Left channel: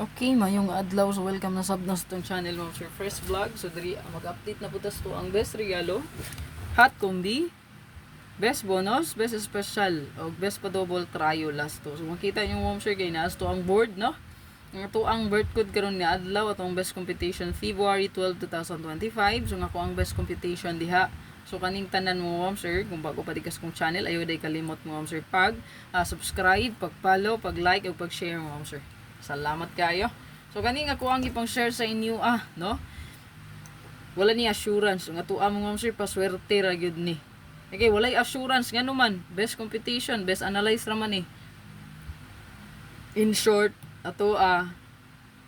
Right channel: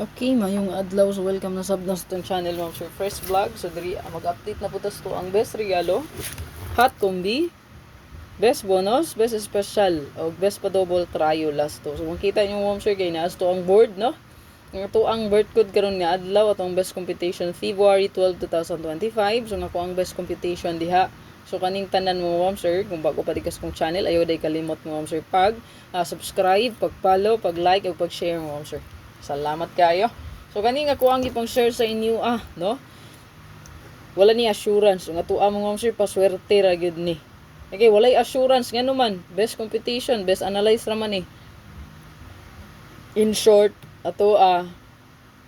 Okay, mayong adlaw. So welcome na sab sa itong channel mo, Sir Fresh Vlog. So diri mag-update na putas to ang best regalo, hot combi, best bonus, best special, o best pa double trio last to. So makita niyo mo, Sir, kay naas to ang board, no? Nga to ang birth code karon nga adlaw atong best competition February 12, 2025. So nga ko ang best competition diha. So kaning tanan mo, ma'am sir, kung bago pa dikas kong channel, ayo day kalimot mo, ma'am sir, pag subscribe, pag-follow, pag-like, ug pag-share mo, ma'am sir. Salamat kayo. So kani nga ko ang ipang share sa inyo no? Wala ni assurance nga tuwa mo, ma'am sir, paswerte ra gyud ni. Okay, walay assurance nga naman. Best competition, best analyze ra man ni. In short, ato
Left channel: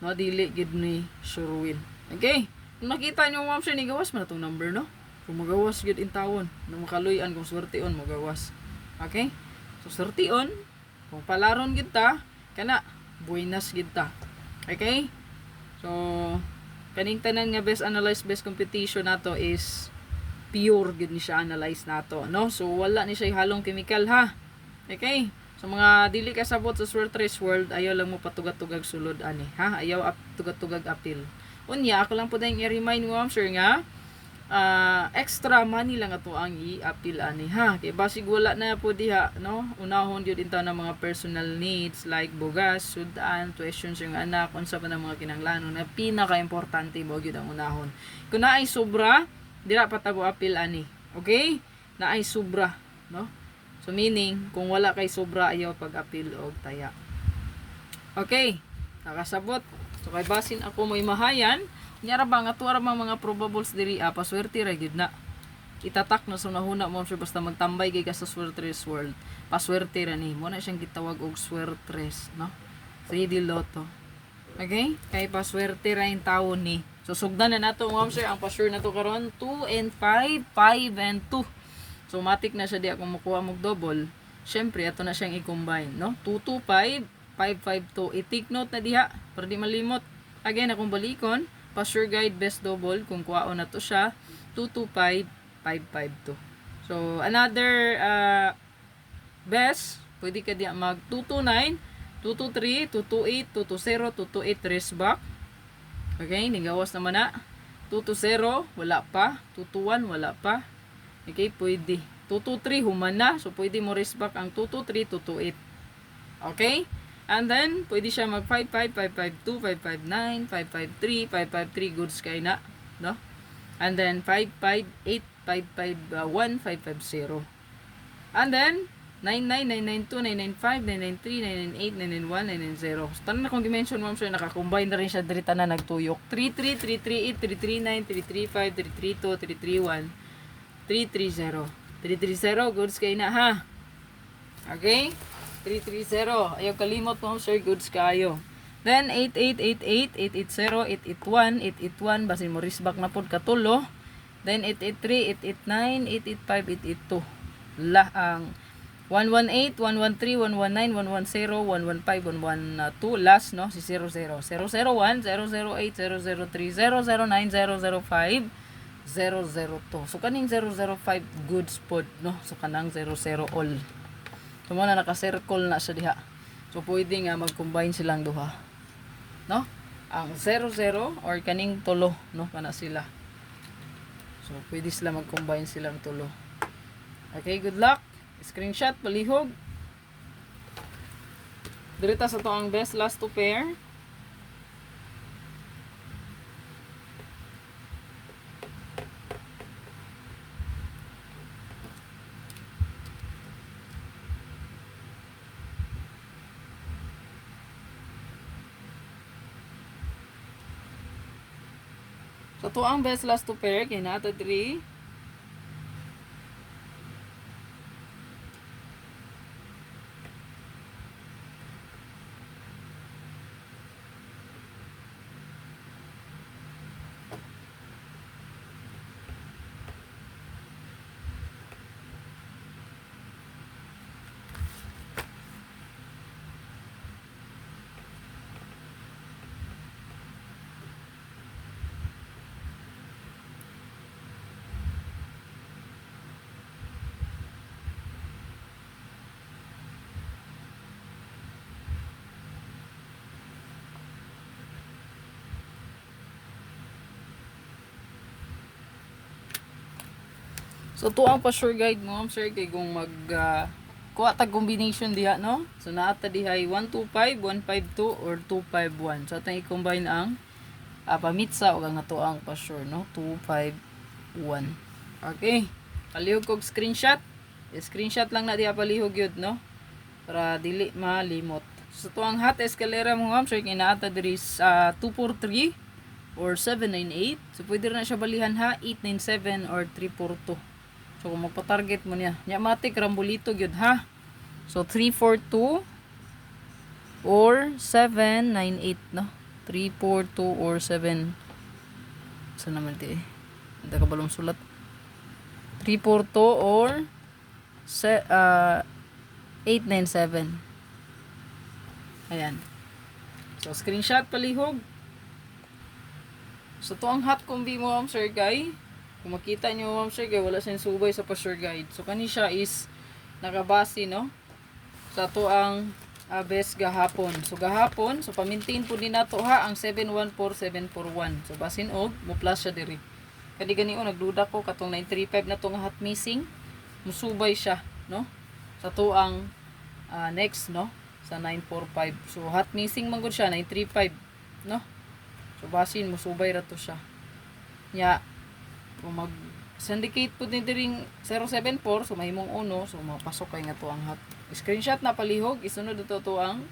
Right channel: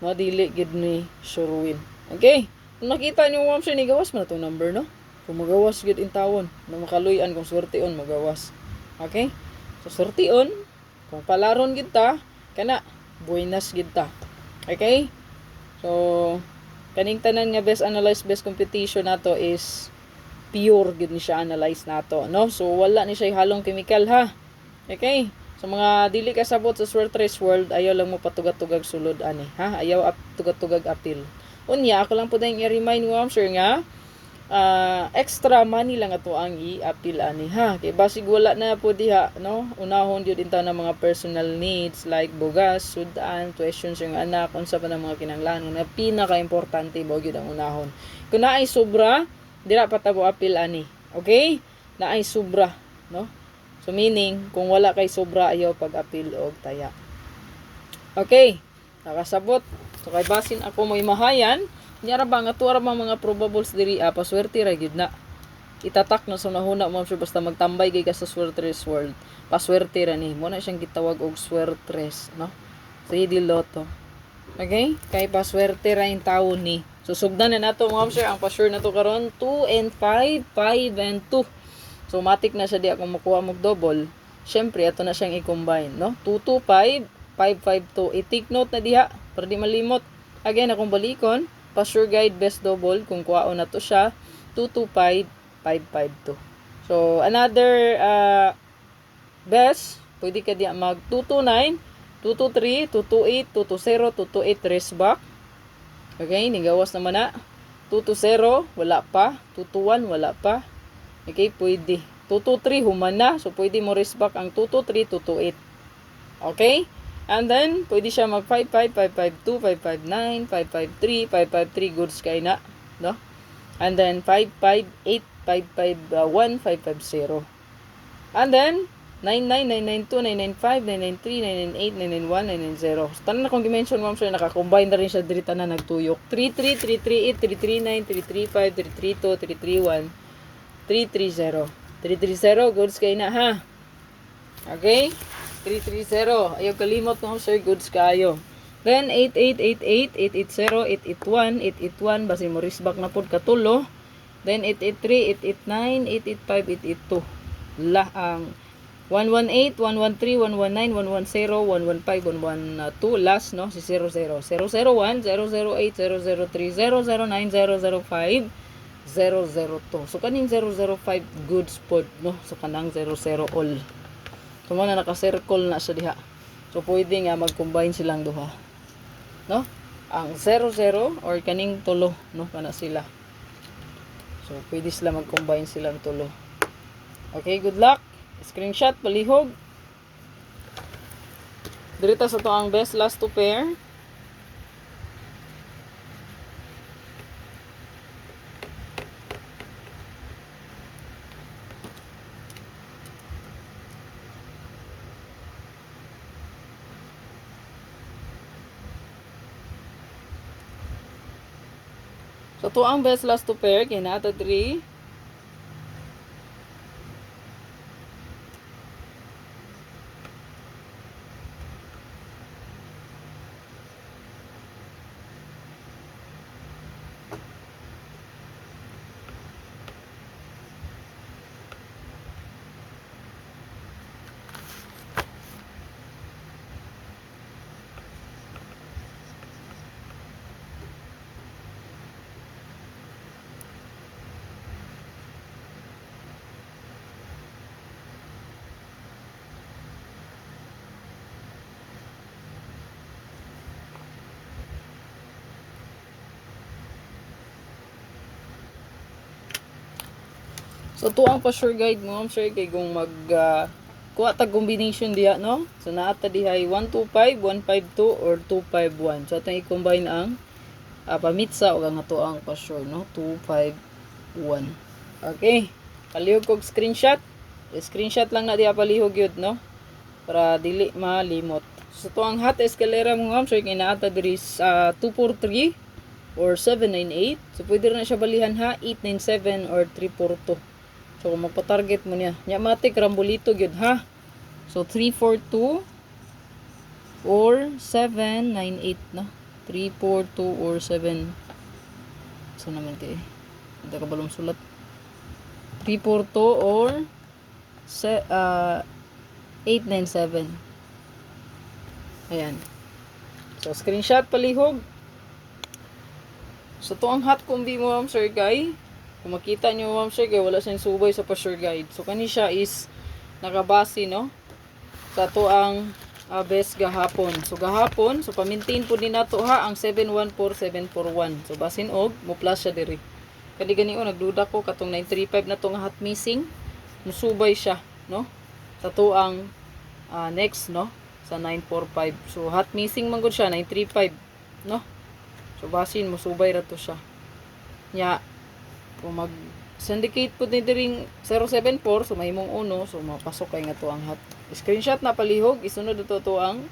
no dili gid ni sure win. Okay? Kung nakita niyo, ma'am sir, ni gawas man atong number, no? Kung magawas gid in tawon, na makaluyan kung swerteon magawas. Okay? So swerteon, kung palaron gid ta, kana buenas gid ta. Okay? So kaning tanan nga best analyze best competition nato is pure gid ni siya analyze nato, no? So wala ni siya halong chemical, ha. Okay? So mga dili ka sabot sa Swertres World, ayaw lang mo patugat-tugag sulod ani, ha? Ayaw tugat-tugag apil. Unya ako lang po dayong i-remind mo, sir, nga extra money lang ato ang i-appeal ani, ha. Kay basig wala na po diha, no? Unahon gyud inta ng mga personal needs like bugas, sudan, questions yung anak, unsa pa ng mga kinahanglanon na pinaka-importante mo gyud ang unahon. Kung naay sobra, dira pa ta mo appeal ani. Okay? Naay sobra, no? So meaning, kung wala kay sobra, ayaw pag-appeal og taya. Okay, nakasabot. So kay basin ako mo imahayan, nyara ba nga tuwa bang mga probables diri paswerte ra gyud na. Itatak na sa nahuna, ma'am sir, basta magtambay kay ka sa Swertres World. Paswerte ra ni. Mo na siyang gitawag og Swertres, no? 3D Lotto. Okay? Kay paswerte ra in tawo ni. So sugdan na nato, ma'am sir, ang pasure na to karon 2 and 5, 5 and 2. So, matik na siya di ako makuha mong double. Siyempre, ito na siyang i-combine, no? 225, 552. I-take note na diha, para di malimot. Again, akong balikon, pa-sure guide best double, kung kuhaon na to siya, 225, 552. So, another best, pwede ka di mag 229, 223, 228, 220, 228 race back. Okay, nigawas naman na. 220, wala pa. 221, wala pa. Okay, pwede. 223 human na. So, pwede mo raise back ang 223, 228. Okay? And then, pwede siya mag 55, 552, 559, 553, 553. Goods kay na. No? And then, 558, 551, 550. And then, 99, 992, 995, 993, 998, 991, 990. So, tanan na kong dimension, ma'am sir, nakakombine na rin siya diri tanan nagtuyok. 33, 338, 339, 335, 332, 331. 330. 330, goods kayo na, ha? Okay? 330. Ayaw kalimot mo, sir, goods kayo. Then, 8888, 880, 881, 881, basi mo risbak na po katulo. Then, 883, 889, 885, 882. Ang 118, 113, 119, 110, 115, 112, last, no? Si 00. 001, 008, 003, 009, 005, 002. So kaning 005 goods pod, no? So kanang 00 all. So mo na naka-circle na siya diha. So pwede nga mag-combine silang duha. No? Ang 00 or kaning tulo, no? Kana sila. So pwede sila mag-combine silang tulo. Okay, good luck. Screenshot palihog. Dirita sa to ang best last two pair. So, to ang best last two pair, kaya na ito 3. So to ang pa sure guide mo sir kay kung mag kuha tag combination diha no. So naata dihay 125, 152 or 251. So atong i-combine ang pamitsa o ang nato ang pa sure no 251. Okay. Palihog kog screenshot. Screenshot lang na diha palihog yun no para dili malimot. So to ang hot escalera mo ma'am sir kay naata diri sa 243 or 798. So pwede na siya balihan ha 897 or 342. So kung magpa-target mo niya. Nya matik rambolito gyud ha. So 342 or 798 no. 342 or 7 saan naman ito eh. Hindi ka balong sulat. 342 or 897. Ayan. So screenshot palihog. So to ang hot combi mo ma'am sir kay kung makita nyo ma'am sir kay wala siyang subay sa pa-sure guide. So kani siya is nakabase no sa to ang best gahapon. So gahapon so pamintain po din nato ha ang 714741. So basin og mo plus siya diri. Kadi gani o nagduda ko katong 935 na to nga hot missing. Musubay siya no sa to ang next no sa 945. So hot missing man gud siya 935 no. So basin mo subay ra to siya. Nya kung mag syndicate pud ni diring 074 so mahimong uno so mapasok kay nga to ang hot. Screenshot na palihog isunod to ang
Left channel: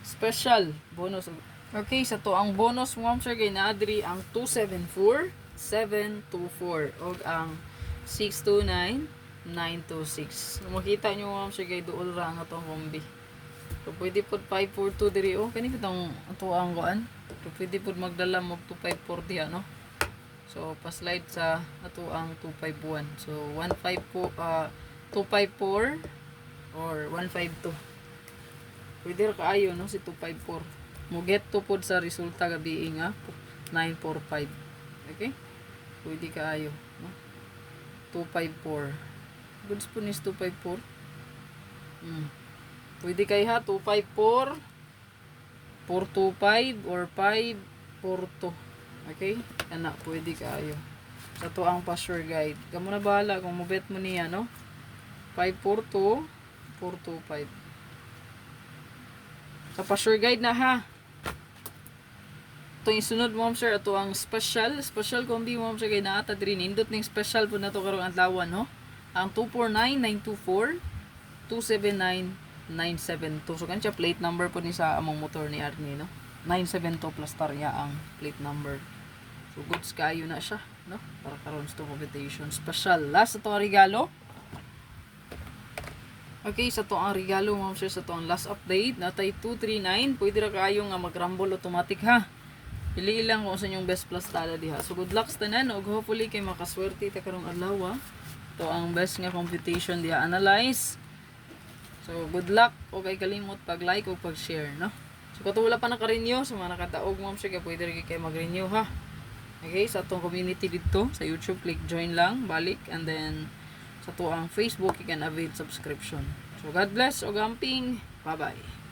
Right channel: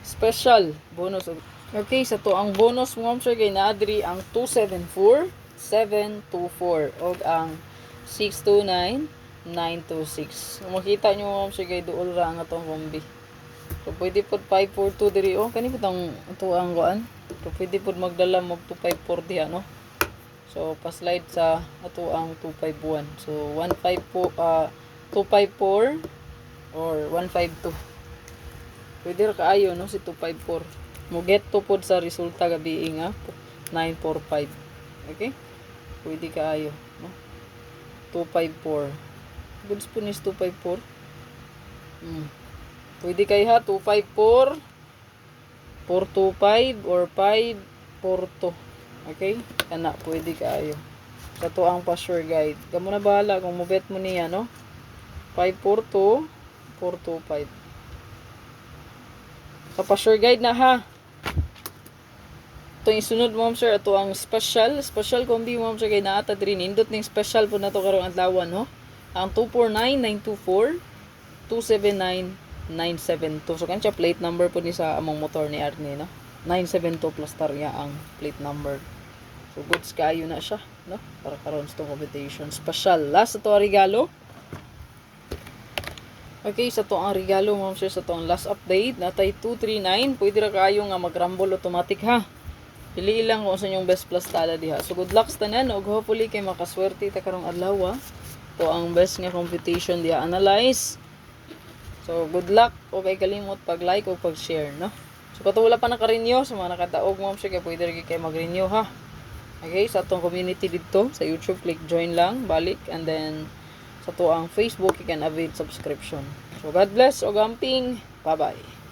special bonus. Okay, sa to ang bonus mo sir kay naa diri ang 274 724 og ang 629 926. Kung makita nyo ma'am sir kay duol ra nga tong kombi. So pwede pod 542 diri oh kani bitong ito ang kuan. So pwede pod magdala mo 254 diha no. So pa-slide sa ato ang 251. So 254 or 152. Pwede ra kaayo no si 254. Mo get to pod sa resulta gabi nga 945. Okay? Pwede kaayo no. 254. Goods po nis 254. Pwede kayo ha, 254, 425, or 542. Okay? Yan na, pwede kayo. Sa to ang pa-sure guide. Kamu na bahala kung mabet mo niya, no? 542, 425. Sa pa-sure guide na ha. Ito yung sunod mo, sir. Ito ang special. Special combi mo, sir. Kaya naata rin. Indot ng special po na ito karong adlawan, no? Ang 249-924, 279-972. So, kancha plate number po ni sa among motor ni Arnie, no? 972 plus tarya ang plate number. So, goods kayo na siya, no? Para karoon sa competition. Special. Last, ito ang regalo. Okay, sa to ang regalo mo, sir. Sa to ang last update. Natay 239. Pwede ra kayo nga mag-rumble automatic, ha? Pili lang kung sa inyong best plus tala diha. So, good luck sa tanan. Og hopefully, kay makaswerte ta karong adlaw, ito ang best nga competition diha. Analyze. So, good luck. O kay kalimot pag-like o pag-share, no? So, kung wala pa naka-renew, sa mga nakataog mo, sige, pwede rin kayo mag-renew, ha? Okay, sa itong community dito, sa YouTube, click join lang, balik, and then, sa ito ang Facebook, you can avail subscription. So, God bless, o gamping, bye-bye.